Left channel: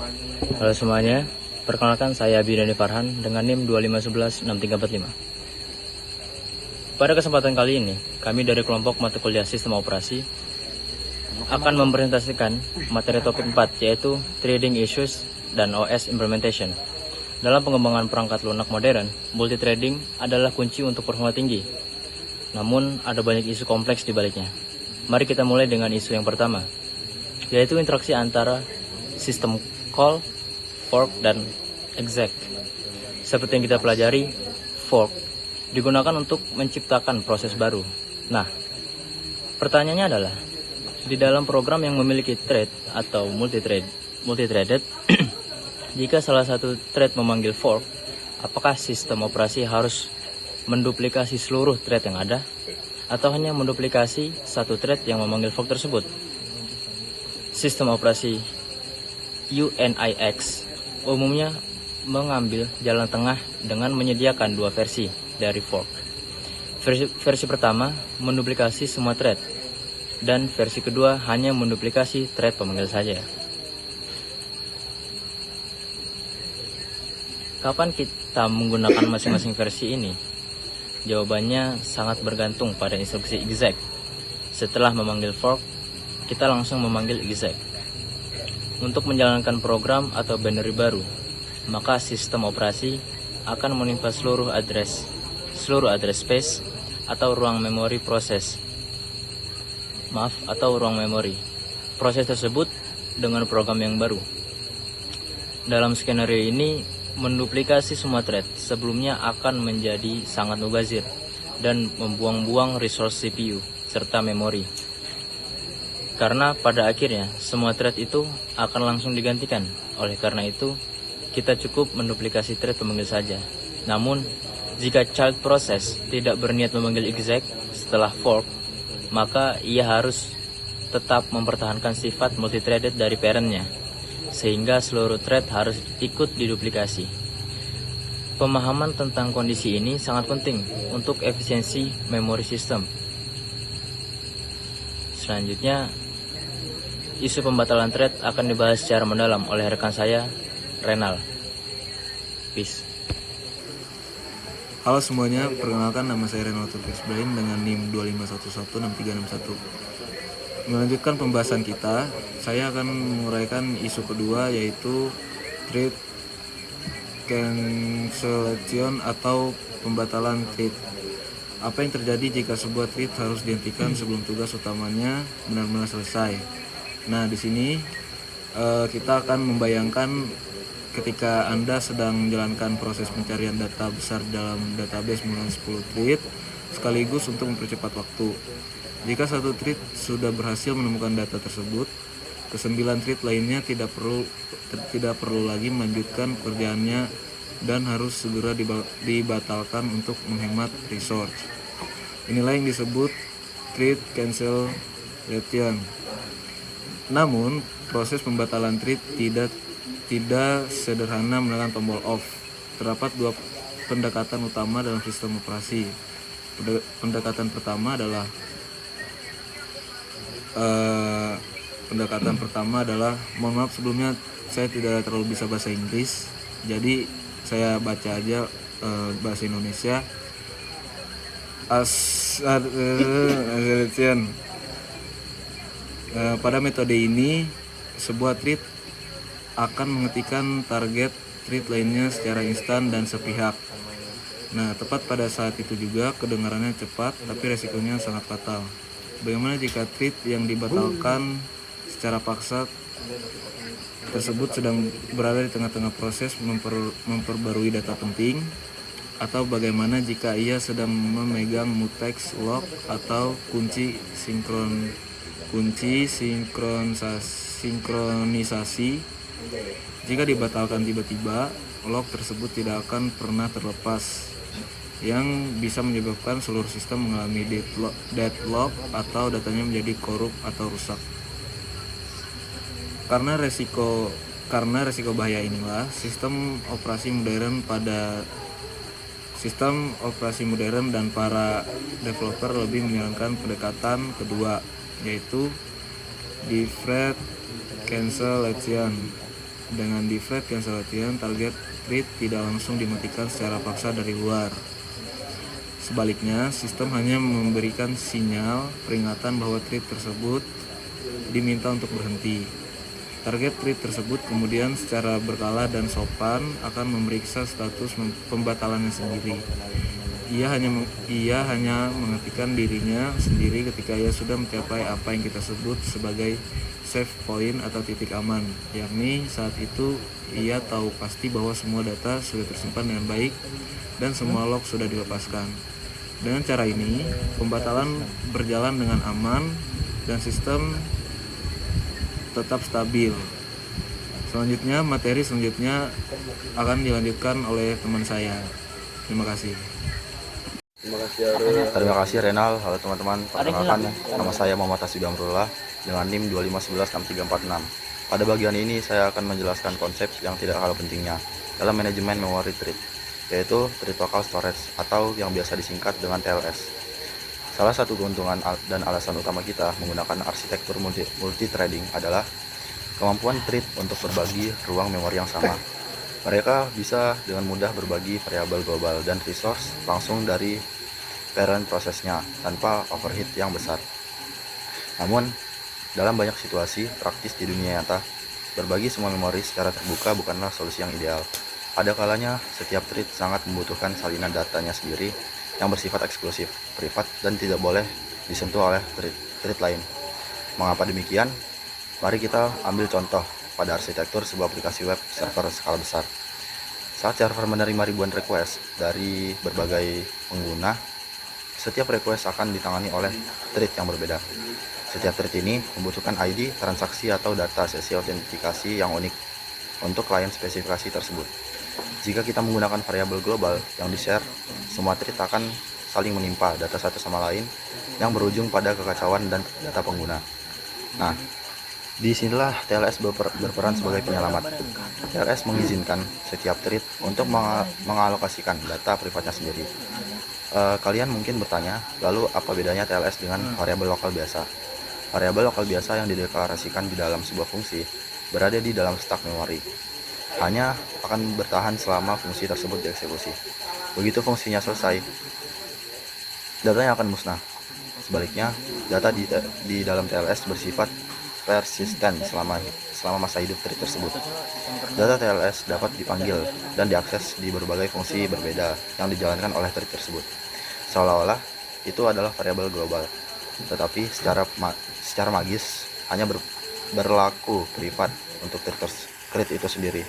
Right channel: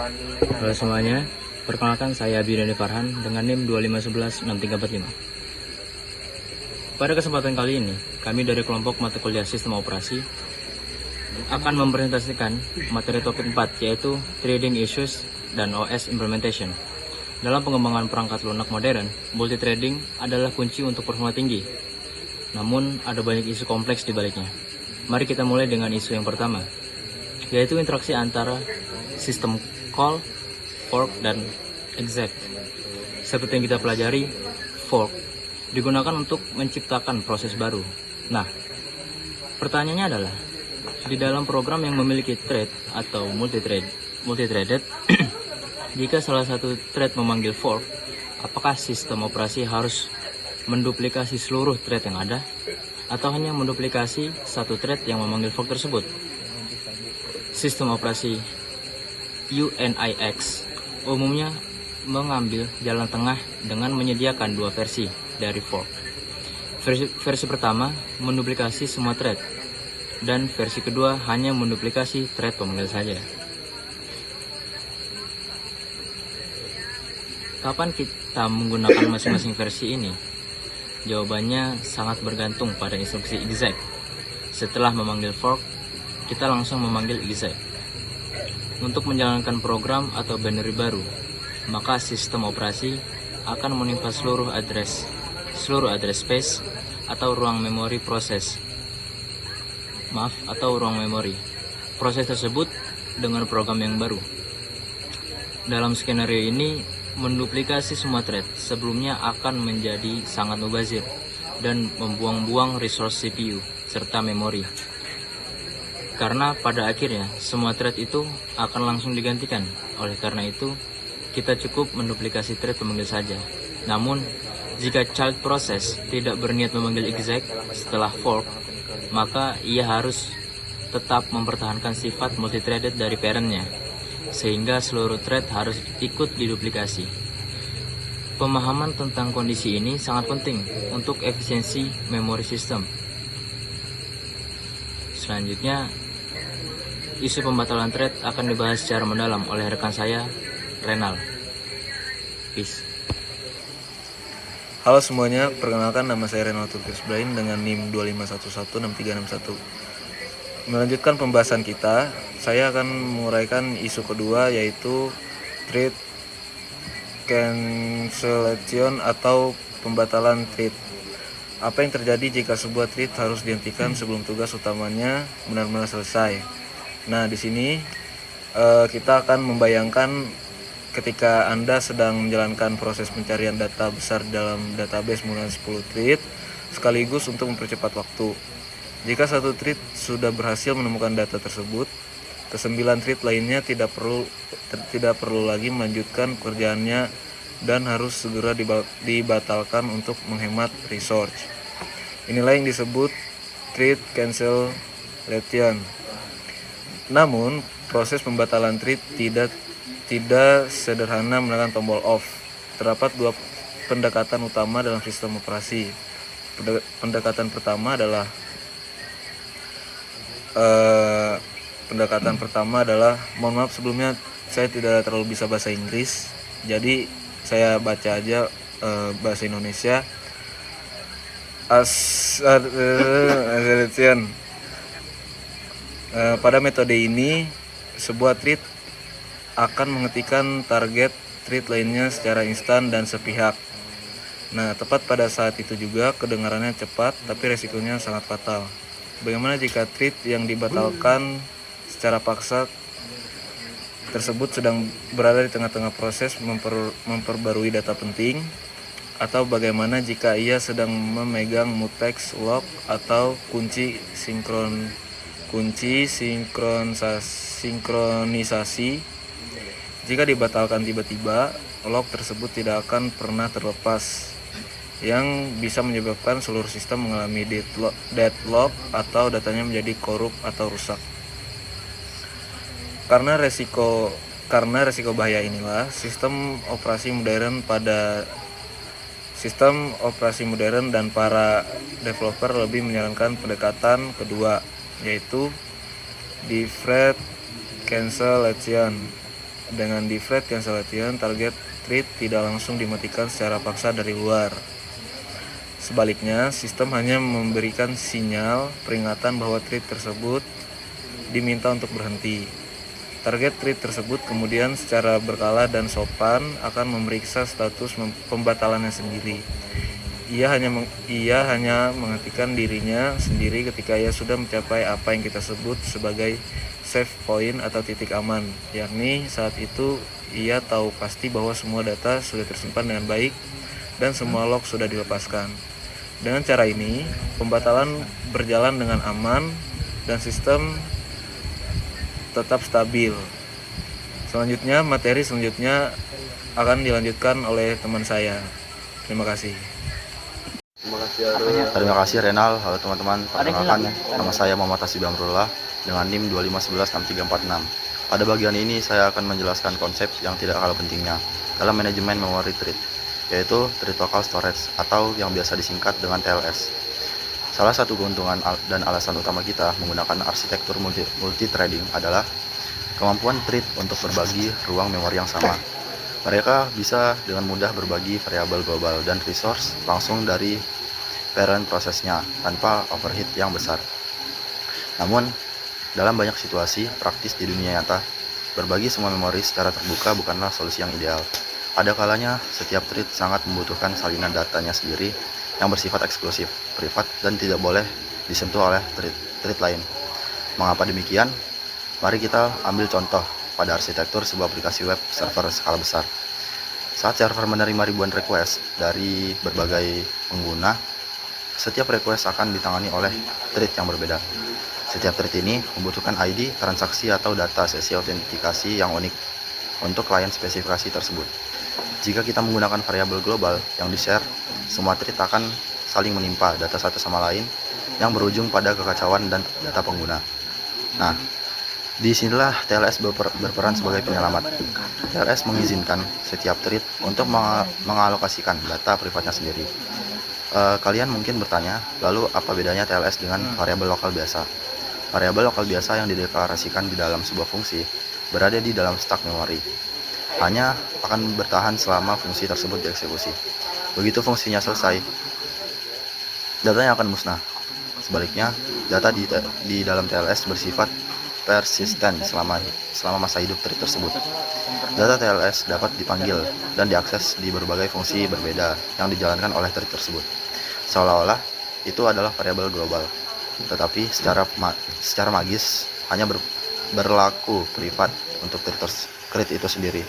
Halo semuanya, perkenalkan saya Abi Farhan dengan NIM 25116345. Pada kesempatan kali ini, kami dari kelompok mata kuliah Sistem Operasi akan mempresentasikan materi topik 4, yaitu Trading Issues dan OS Implementation. Dalam pengembangan perangkat lunak modern, multithreading adalah kunci untuk performa tinggi. Namun, ada banyak isu kompleks di baliknya. Mari kita mulai dengan isu yang pertama, yaitu interaksi antara sistem call, fork, dan exec. Seperti yang kita pelajari, fork digunakan untuk menciptakan proses baru. Nah, pertanyaannya adalah, di dalam program yang memiliki thread atau multithreaded, jika salah satu thread memanggil fork, apakah sistem operasi harus menduplikasi seluruh thread yang ada, atau hanya menduplikasi satu thread yang memanggil fork tersebut? Sistem operasi UNIX umumnya mengambil jalan tengah dengan menyediakan dua versi dari fork. Versi pertama menduplikasi semua thread, dan versi kedua hanya menduplikasi thread pemanggil saja. Kapan kita menggunakan masing-masing versi ini? Jawabannya sangat bergantung pada instruksi exec. Setelah memanggil fork, kita langsung memanggil exec. Untuk menjalankan program atau binary baru, maka sistem operasi akan menimpa seluruh address space atau ruang memori ruang memori proses tersebut dengan program yang baru. Dalam skenario ini, menduplikasi semua thread sebelumnya akan menjadi sangat mubazir dan membuang-buang resource CPU serta memori. Karena pada akhirnya semua thread itu akan langsung digantikan. Oleh karena itu, kita cukup menduplikasi thread pemanggil saja. Namun, jika child process tidak berniat memanggil exec setelah fork, maka ia harus tetap mempertahankan sifat multithreaded dari parentnya, sehingga seluruh thread harus ikut diduplikasi. Pemahaman tentang kondisi ini sangat penting untuk efisiensi memori sistem. Selanjutnya, isu pembatalan thread akan dibahas secara mendalam oleh rekan saya, Renal. Peace. Halo semuanya, perkenalkan nama saya Renal Turkis Brain dengan NIM 25116361. Melanjutkan pembahasan kita, saya akan menguraikan isu kedua, yaitu thread cancellation atau pembatalan thread. Apa yang terjadi jika sebuah thread harus dihentikan sebelum tugas utamanya benar-benar selesai? Nah, di sini kita akan membayangkan ketika Anda sedang menjalankan proses pencarian data besar dalam database mulai 10 thread sekaligus untuk mempercepat waktu. Jika satu thread sudah berhasil menemukan data tersebut, ke-9 thread lainnya tidak perlu lagi melanjutkan pekerjaannya dan harus segera dibatalkan untuk menghemat resource. Inilah yang disebut thread cancellation. Namun, proses pembatalan thread tidak sederhana menekan tombol off. Terdapat dua pendekatan utama dalam sistem operasi. Pendekatan pertama adalah mohon maaf sebelumnya saya tidak terlalu bisa bahasa Inggris, jadi saya baca aja bahasa Indonesia. Pada metode ini, sebuah thread akan menghentikan target thread lainnya secara instan dan sepihak. Nah, tepat pada saat itu juga kedengarannya cepat, tapi resikonya sangat fatal. Bagaimana jika thread yang dibatalkan secara paksa tersebut sedang berada di tengah-tengah proses memperbarui data penting? Atau bagaimana jika ia sedang memegang mutex lock atau kunci sinkronisasi? Jika dibatalkan tiba-tiba, lock tersebut tidak akan pernah terlepas, yang bisa menyebabkan seluruh sistem mengalami deadlock atau datanya menjadi korup atau rusak. Karena resiko bahaya inilah, sistem operasi modern dan para developer lebih menyarankan pendekatan kedua, yaitu deferred cancellation Dengan deflate cancel latihan, target thread tidak langsung dimatikan secara paksa dari luar. Sebaliknya, sistem hanya memberikan sinyal peringatan bahwa thread tersebut diminta untuk berhenti. Target thread tersebut kemudian secara berkala dan sopan akan memeriksa status pembatalannya sendiri. Ia hanya menghentikan dirinya sendiri ketika ia sudah mencapai apa yang kita sebut sebagai save point atau titik aman, yakni saat itu ia tahu pasti bahwa semua data sudah tersimpan dengan baik dan semua log sudah dilepaskan. Dengan cara ini, pembatalan berjalan dengan aman dan sistem tetap stabil. Materi selanjutnya akan dilanjutkan oleh teman saya. Terima kasih. Terima kasih Renal. Halo teman-teman, perkenalkan nama saya Muhammad Hasib Amrullah dengan NIM 25116346. Pada bagian ini saya akan menjelaskan konsep yang tidak kalah pentingnya dalam manajemen memory thread, yaitu thread local storage atau yang biasa disingkat dengan TLS. Salah satu keuntungan dan alasan utama kita menggunakan arsitektur multi-threading adalah kemampuan thread untuk berbagi ruang memori yang sama. Mereka bisa dengan mudah berbagi variabel global dan resource langsung dari parent prosesnya tanpa overheat yang besar. Namun, dalam banyak situasi praktis di dunia nyata, berbagi semua memori secara terbuka bukanlah solusi yang ideal. Ada kalanya setiap thread sangat membutuhkan salinan datanya sendiri yang bersifat eksklusif, privat, dan tidak boleh disentuh oleh thread lain. Mengapa demikian? Mari kita ambil contoh pada arsitektur sebuah aplikasi web server skala besar. Saat server menerima ribuan request dari berbagai pengguna, setiap request akan ditangani oleh thread yang berbeda. Setiap thread ini membutuhkan ID, transaksi, atau data sesi autentikasi yang unik untuk klien spesifikasi tersebut. Jika kita menggunakan variabel global yang di-share, semua thread akan saling menimpa data satu sama lain yang berujung pada kekacauan dan data pengguna. Nah, disinilah TLS berperan sebagai penyelamat. TLS mengizinkan setiap thread untuk mengalokasikan data privatnya sendiri. Kalian mungkin bertanya, lalu apa bedanya TLS dengan variabel lokal biasa? Variabel lokal biasa yang dideklarasikan di dalam sebuah fungsi berada di dalam stak memori. Hanya akan bertahan selama fungsi tersebut dieksekusi. Begitu fungsinya selesai, datanya akan musnah. Sebaliknya, data di dalam TLS bersifat persisten selama masa hidup thread tersebut. Data TLS dapat dipanggil dan diakses di berbagai fungsi berbeda yang dijalankan oleh thread tersebut. Seolah-olah itu adalah variabel global, tetapi secara magis hanya berlaku privat untuk thread itu sendiri.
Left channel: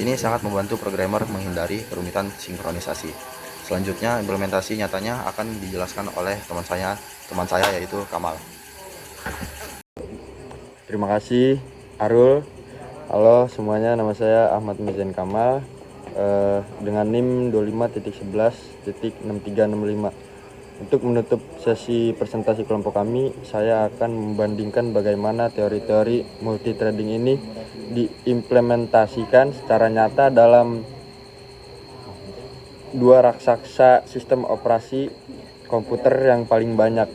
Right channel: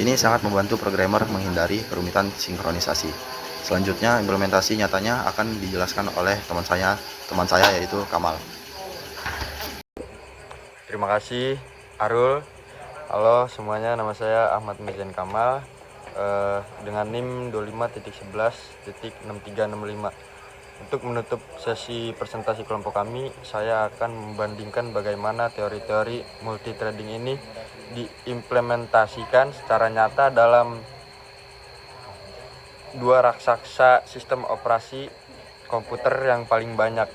Ini sangat membantu programmer menghindari kerumitan sinkronisasi. Selanjutnya, implementasi nyatanya akan dijelaskan oleh teman saya yaitu Kamal. Terima kasih Arul. Halo semuanya, nama saya Ahmad Mirjan Kamal dengan NIM 25.11.6365. Untuk menutup sesi presentasi kelompok kami, saya akan membandingkan bagaimana teori-teori multithreading ini diimplementasikan secara nyata dalam dua raksasa sistem operasi komputer yang paling banyak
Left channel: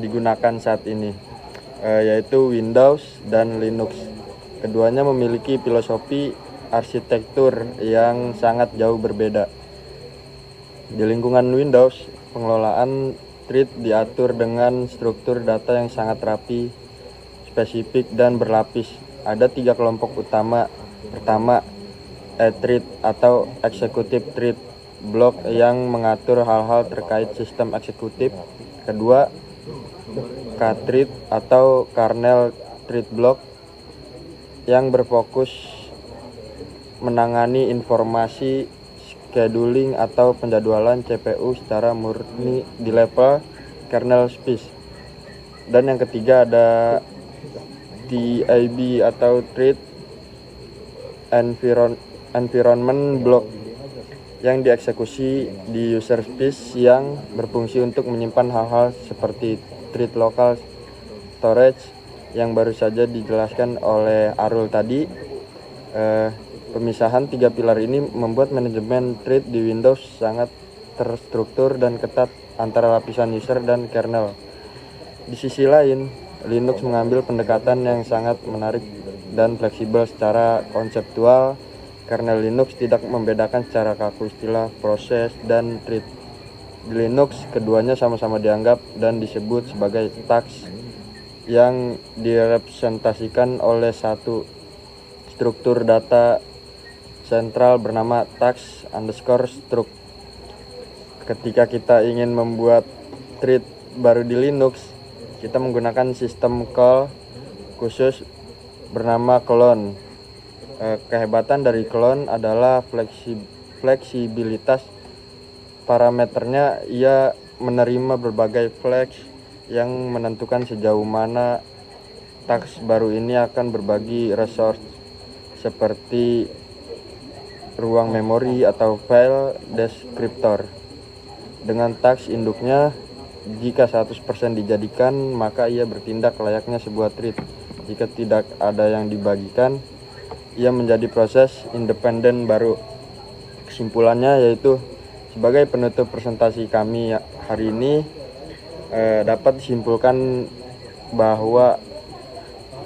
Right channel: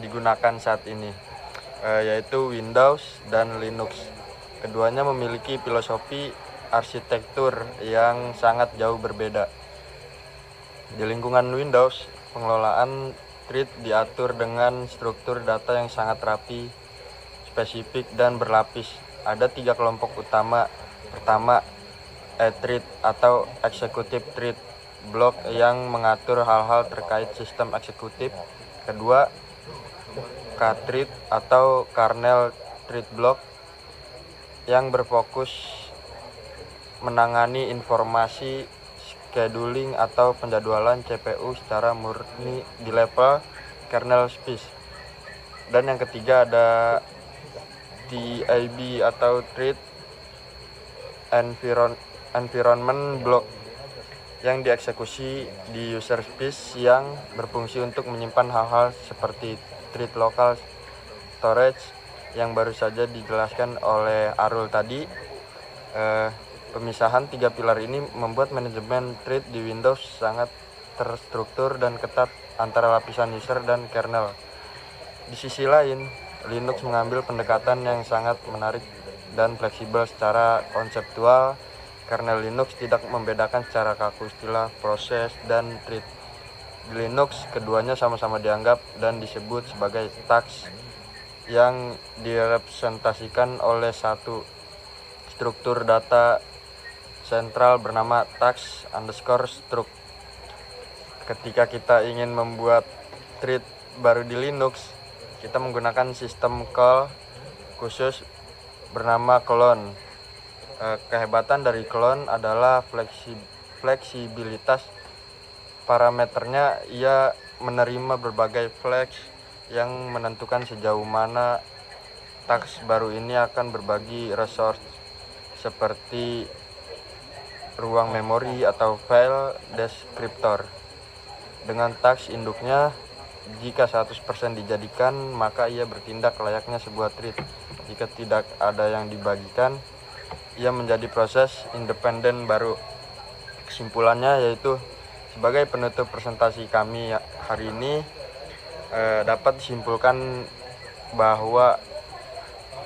digunakan saat ini, yaitu Windows dan Linux. Keduanya memiliki filosofi arsitektur yang sangat jauh berbeda. Di lingkungan Windows, pengelolaan thread diatur dengan struktur data yang sangat rapi, spesifik, dan berlapis. Ada 3 kelompok utama. Pertama, E-thread atau Executive Thread Block yang mengatur hal-hal terkait sistem eksekutif. Kedua, K-thread atau Kernel Thread Block yang berfokus menangani informasi scheduling atau penjadwalan CPU secara murni di level kernel space. Dan yang ketiga ada TAB atau Thread Environment Block yang dieksekusi di user space yang berfungsi untuk menyimpan hal-hal seperti thread local storage yang baru saja dijelaskan oleh Arul tadi. Pemisahan 3 pilar ini membuat manajemen thread di Windows sangat terstruktur dan ketat antara lapisan user dan kernel. Di sisi lain, Linux mengambil pendekatan yang sangat menarik dan fleksibel secara konseptual. Kernel Linux tidak membedakan secara kaku istilah proses dan thread. Di Linux, keduanya sama-sama dianggap dan disebut sebagai task yang direpresentasikan oleh satu struktur data sentral bernama task_struct. Ketika kita ingin membuat thread baru di Linux, kita menggunakan sistem call khusus bernama clone. Kehebatan dari clone adalah fleksibilitas parameternya. Ia menerima berbagai flex yang menentukan sejauh mana task baru ini akan berbagi resource seperti ruang memori atau file descriptor. Dengan task induknya, jika 100% dijadikan, maka ia bertindak layaknya sebuah thread. Jika tidak ada yang dibagikan, ia menjadi proses independen baru. Kesimpulannya yaitu, sebagai penutup presentasi kami hari ini, dapat disimpulkan bahwa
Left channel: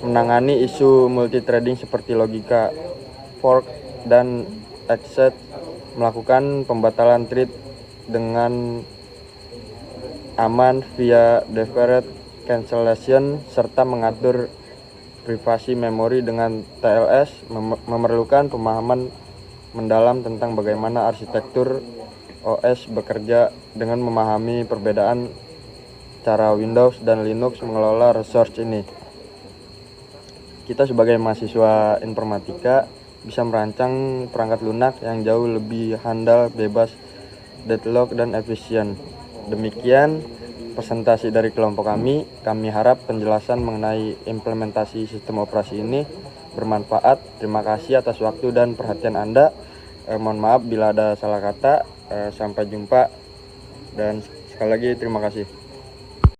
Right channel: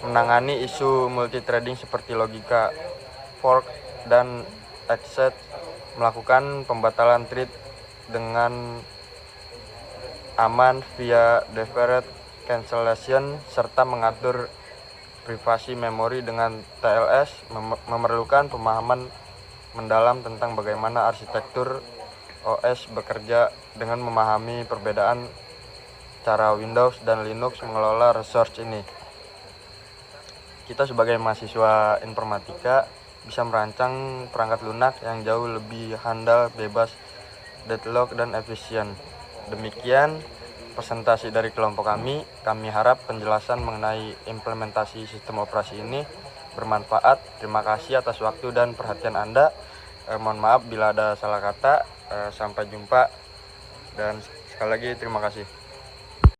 menangani isu multithreading seperti logika fork dan exit, melakukan pembatalan thread dengan aman via deferred cancellation, serta mengatur privasi memori dengan TLS memerlukan pemahaman mendalam tentang bagaimana arsitektur OS bekerja, dengan memahami perbedaan cara Windows dan Linux mengelola resource ini. Kita sebagai mahasiswa informatika bisa merancang perangkat lunak yang jauh lebih handal, bebas deadlock, dan efisien. Demikian presentasi dari kelompok kami. Kami harap penjelasan mengenai implementasi sistem operasi ini bermanfaat. Terima kasih atas waktu dan perhatian Anda. Mohon maaf bila ada salah kata. Sampai jumpa dan sekali lagi terima kasih.